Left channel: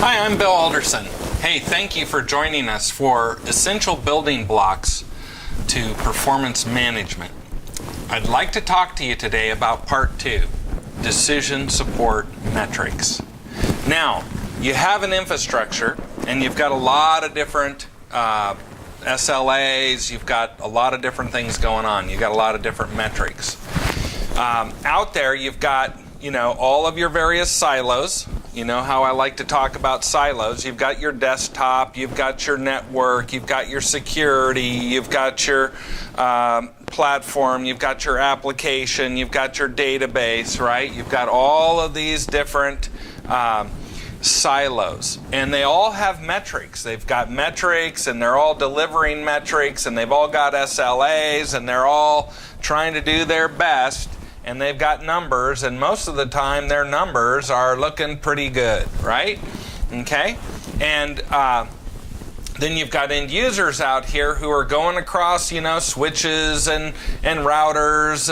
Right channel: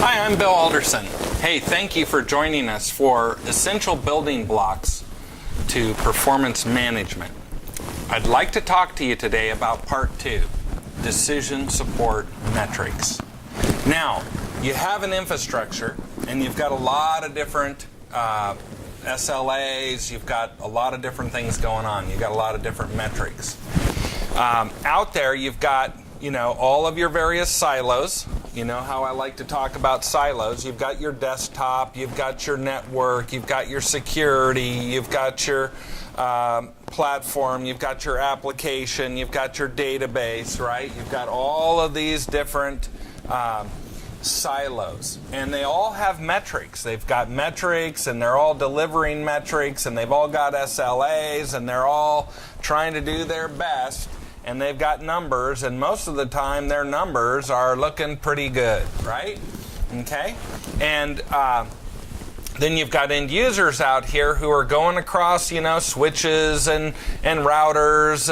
Hi, I'm Bill Alderson. Hey, thank you for joining us for Essential Building Blocks to Performance Management. I'd like to talk to you today about Part 2, Decision Support Metrics. Now, you have an infrastructure and you've got a lot of different SLAs, you've got a lot of different things going on, you've got a lot of different metrics. Out there you've got, all of your various silos. You know how I like to talk about silos. You've got your desktop, you've got your network, you've got your security, you've got your platform, you've got your application, you've got your database, right? You've got all of these different silos, and they all have metrics. They've got metrics, and they're all delivering metrics, and they've all got SLAs, and they're all trying to do their best. And they've got numbers, and most of the time their numbers are looking pretty good, right? Okay? And then you've got end users out here who are going across, switches and routers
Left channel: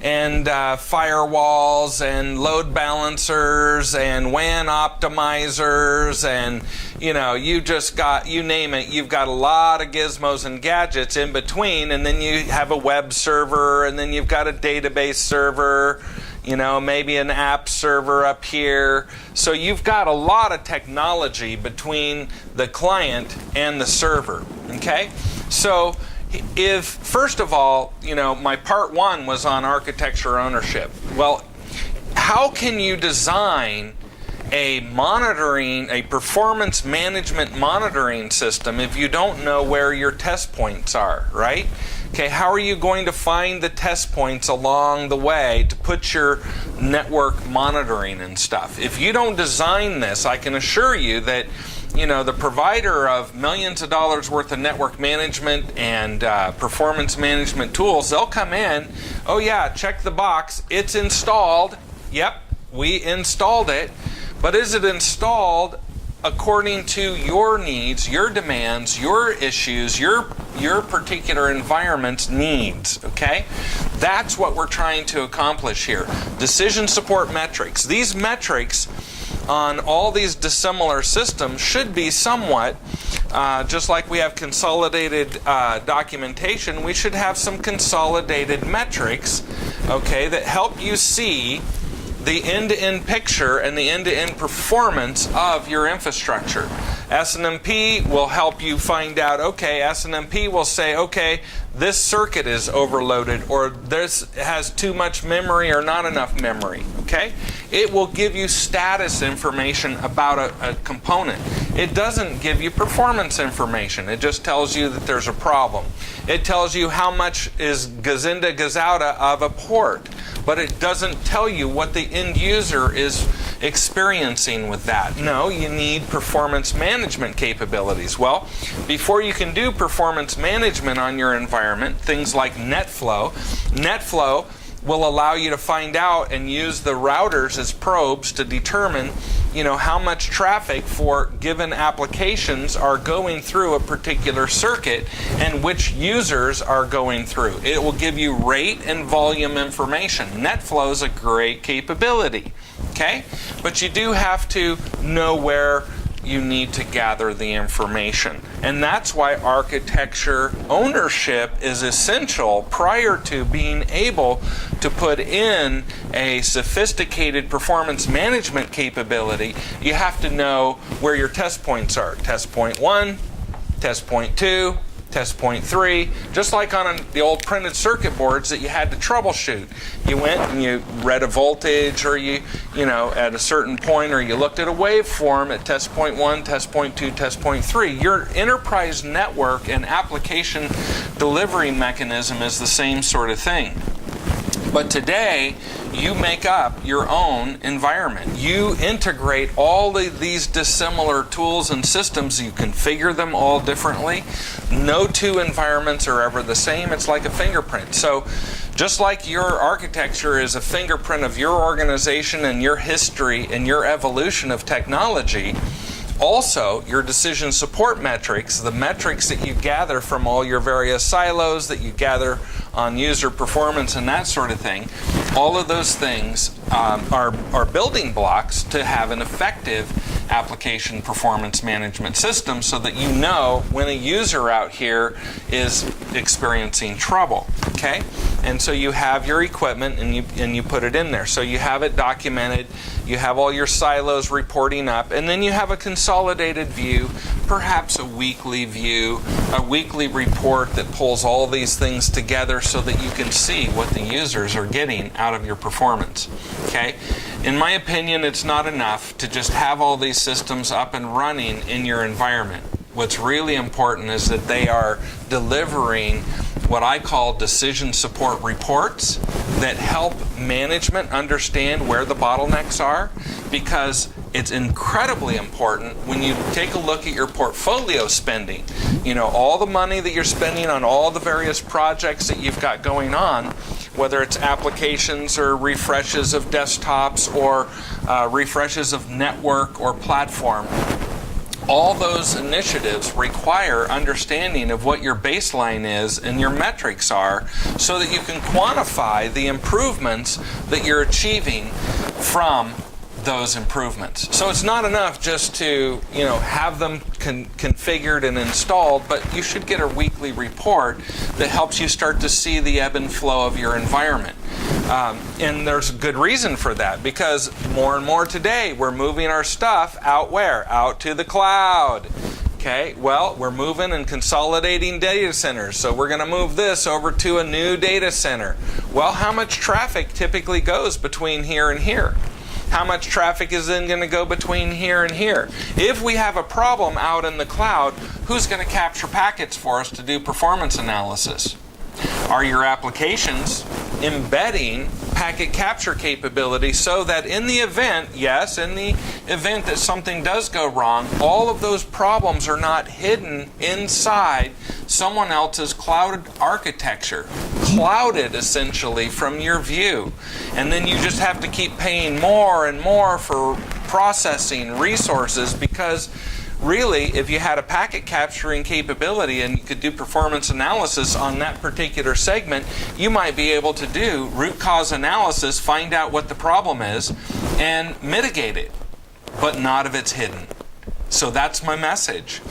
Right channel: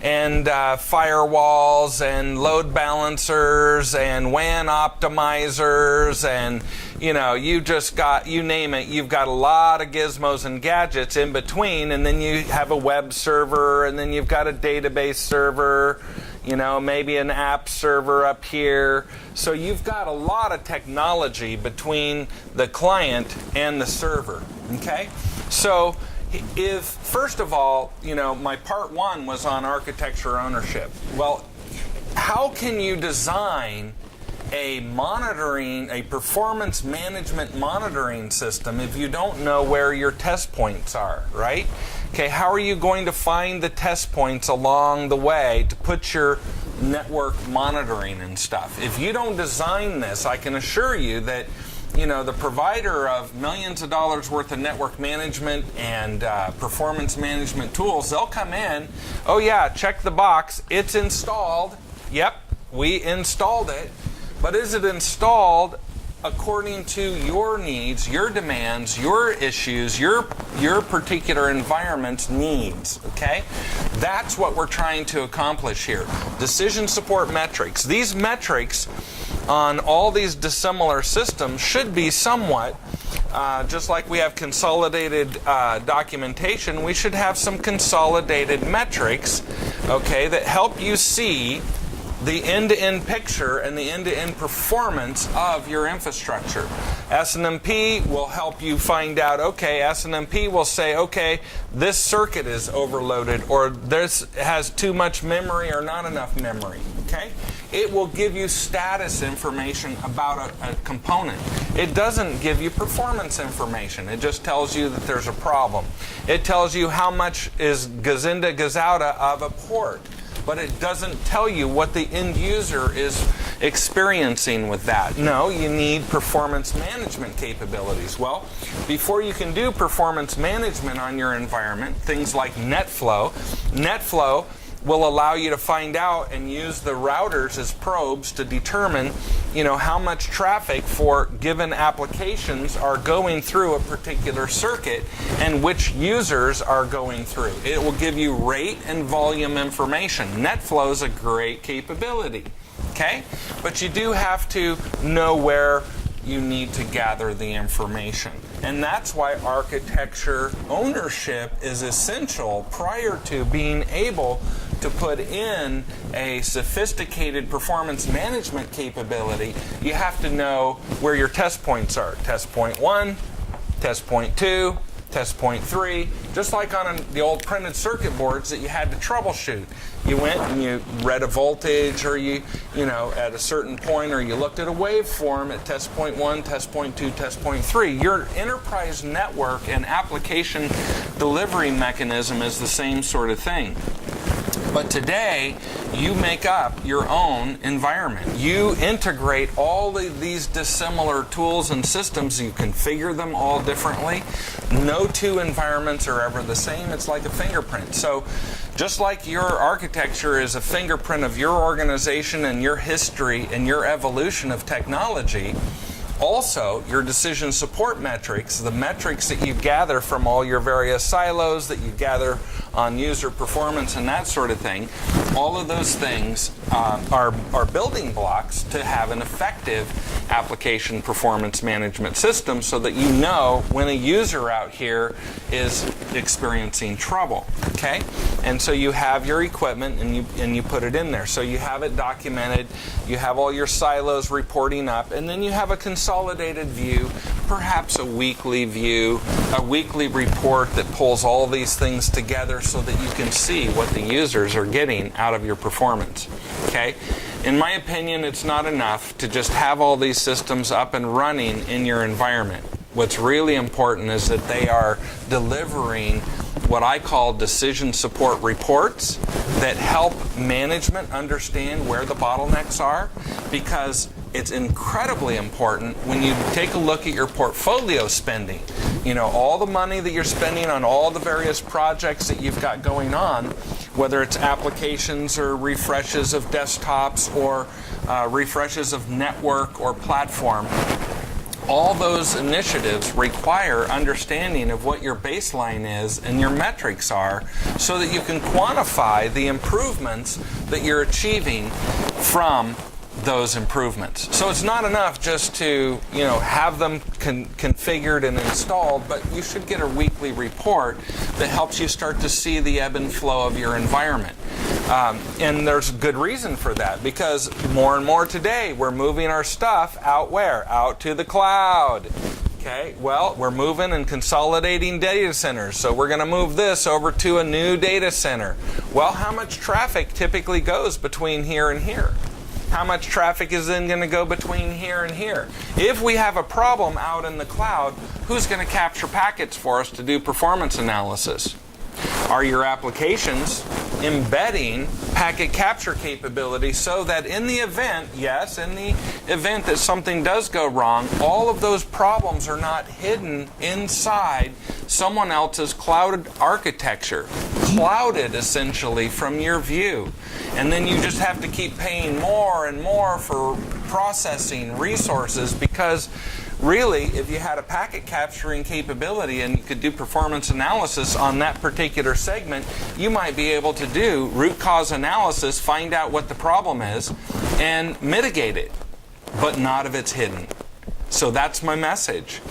and firewalls and load balancers and WAN optimizers and, you just got, you name it, you've got a lot of gizmos and gadgets in between, and then you have a web server, and then you've got a database server, maybe an app server up here. So you've got a lot of technology between the client and the server, okay? So if, first of all, my part one was on architecture ownership. Well, how can you design a performance management monitoring system if you don't know where your test points are, right? Okay, how are you going to find the test points along the way to put your network monitoring and stuff? If you don't design this, I can assure you that the provider of millions of dollars worth of network management and performance management tools, they'll come in, oh yeah, check the box, it's installed, yep, we installed it, but is it installed according to your needs, your demands, your issues, your particular environment's needs, okay? That's what we're trying to accomplish here. Decision support metrics. These metrics on all these dissimilar systems should be somewhat, just like we have consolidated documentation, we should have some consolidated metrics, okay, that help you see the end-to-end picture and the end-to-end performance of your infrastructure. SNMP will help you find out, okay, SNMP will say, okay, this circuit is overloaded, or this has too much memory or not enough memory, okay? It will give you status information about a component. It doesn't give you performance information. It just tells you that there's a problem. It tells you how much is gazinda gazouda of a port, but it doesn't tell you what the end user is experiencing with that. No, you need performance management capabilities. Well, before you can do performance management on your environment, things like NetFlow will allow you to find out and use the routers as probes to determine how much traffic for given applications are going through a particular circuit and which users are going through. It will give you rate and volume information. NetFlow is a great capability, okay? But you do have to know where you need to gather the information. And that's why architecture ownership is essential prior to being able to put in a sophisticated performance management capability. You have to know where your test points are. Test point 1, test point 2, test point 3, just like on the old printed circuit boards that you had to troubleshoot. You went and you read a voltage, or you at a certain point, or you looked at a waveform at test point 1, test point 2, test point 3. Your enterprise network and application delivery mechanism is the same sort of thing. But today, you make up your own environment. You integrate all of these dissimilar tools and systems. You configure them all differently. No two environments are ever the same. It's like a fingerprint. So just like your architecture is a fingerprint of your organization and your history and your evolution of technology, Also, your decision support metrics, the metrics that you gather from all your various silos that you gather on user performance and that sort of thing, all of those things are building blocks to have an effective application performance management system, so that you know when a user out here is experiencing trouble. Okay? And so you have your equipment and you put it in there. So you have it documented, you have all your silos reporting up, and then you have a consolidated view, perhaps a weekly view, a weekly report that pulls all these things together so that you can see what the users are getting out of your performance. Okay? In my opinion, it's not enough to just have all these systems up and running in your environment. What's really important is that they are delivering what I call decision support reports that help management understand where the bottlenecks are, because it's incredibly important when you take a look at your portfolio spending. You know, all the money that you're spending on all the various projects that you've got going on, whether it's applications or refreshes of desktops or refreshes of network or platform. All those initiatives require understanding of what your baseline is and your metrics are, so that you can quantify the improvements that you're achieving from those improvements. So it's not enough just to, you know, have them configured and installed, but you should get a weekly report that helps you start to see the ebb and flow of your environment. And there's a good reason for that, because more and more today we're moving our stuff out where? Out to the cloud. Okay, well, we're moving and consolidating data centers, so we're going to move this over to a new data center. Well, how much traffic typically goes between here and here? How much traffic is then going to go between here and here? If we have a problem out in the cloud, who's going to capture packets for us to do performance analysis? Are your applications embedding packet capture capability so that in the event, yes, in the event that something does go wrong, all of those problems are not hidden inside someone else's cloud architecture, clouded essentially from your view. And then you just have to keep paying more and more for processing resources, because really, if you had a packet capturing capability and you could do performance analysis on that particular segment, you might be able to do root cause analysis, find out what the problem is, and mitigate it, but not if it's hidden. So that's my message.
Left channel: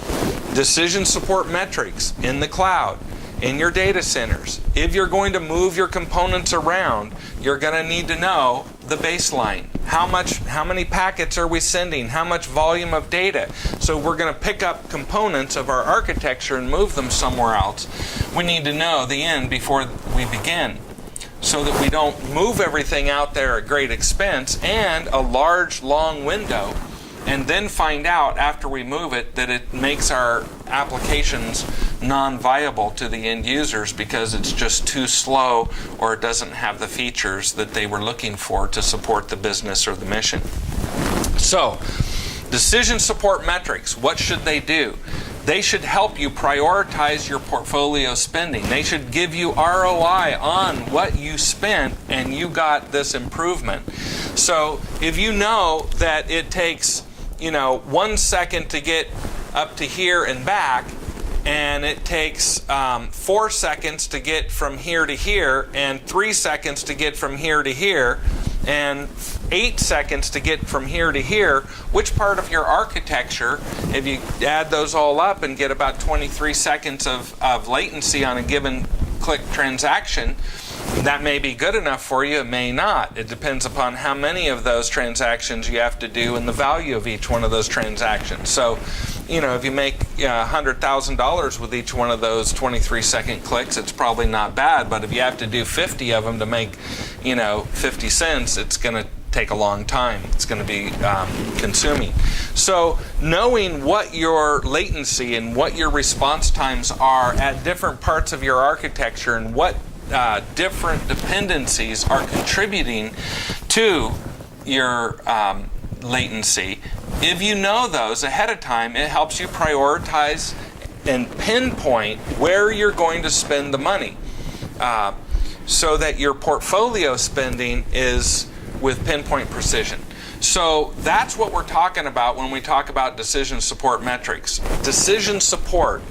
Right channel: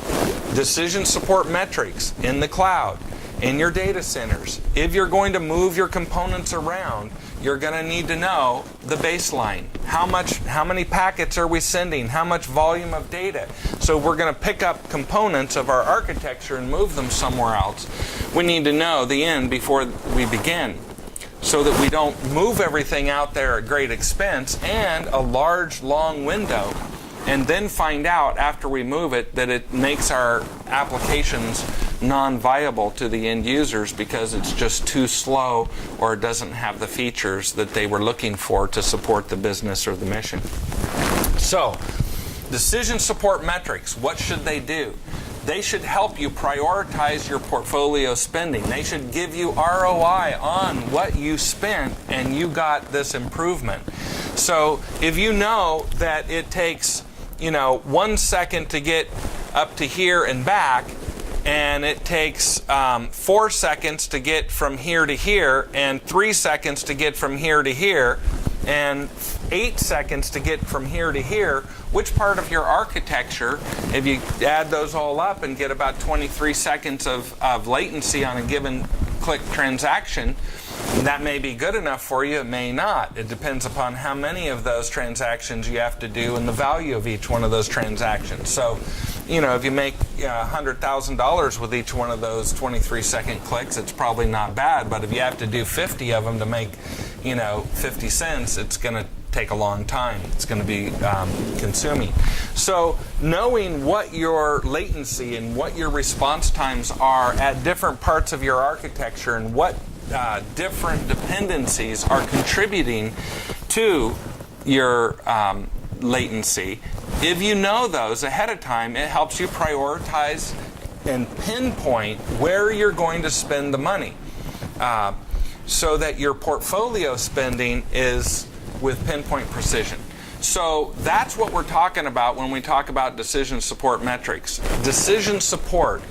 Decision support metrics in the cloud, in your data centers. If you're going to move your components around, you're going to need to know the baseline. How many packets are we sending? How much volume of data? So we're going to pick up components of our architecture and move them somewhere else. We need to know the end before we begin, so that we don't move everything out there at great expense and a large, long window, and then find out after we move it that it makes our applications non-viable to the end users because it's just too slow or it doesn't have the features that they were looking for to support the business or the mission. So, decision support metrics, what should they do? They should help you prioritize your portfolio spending. They should give you ROI on what you spent and you got this improvement. So, if you know that it takes 1 second to get up to here and back, and it takes 4 seconds to get from here to here, and 3 seconds to get from here to here, and 8 seconds to get from here to here, which part of your architecture, if you add those all up and get about 23 seconds of latency on a given click transaction, that may be good enough for you, it may not. It depends upon how many of those transactions you have to do and the value of each one of those transactions. So, if you make $100,000 with each one of those 23-second clicks, it's probably not bad. But if you have to do 50 of them to make, 50 cents, it's going to take a long time. It's going to be consuming. So knowing what your latency and what your response times are at different parts of your architecture and what different dependencies are contributing to your latency, if you know those ahead of time, it helps you prioritize and pinpoint where you're going to spend the money, so that your portfolio spending is with pinpoint precision. So that's what we're talking about when we talk about decision support metrics. Decision support,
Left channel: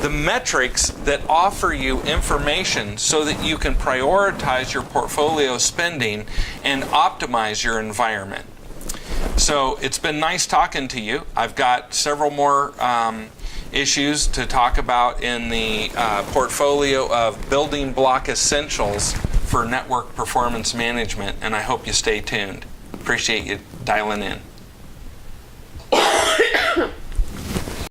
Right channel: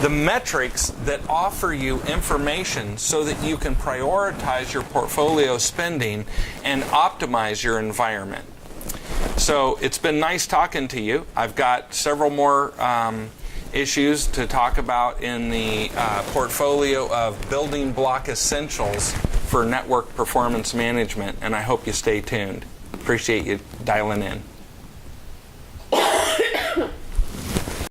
the metrics that offer you information so that you can prioritize your portfolio spending and optimize your environment. So it's been nice talking to you. I've got several more issues to talk about in the portfolio of building block essentials for network performance management, and I hope you stay tuned. Appreciate you dialing in.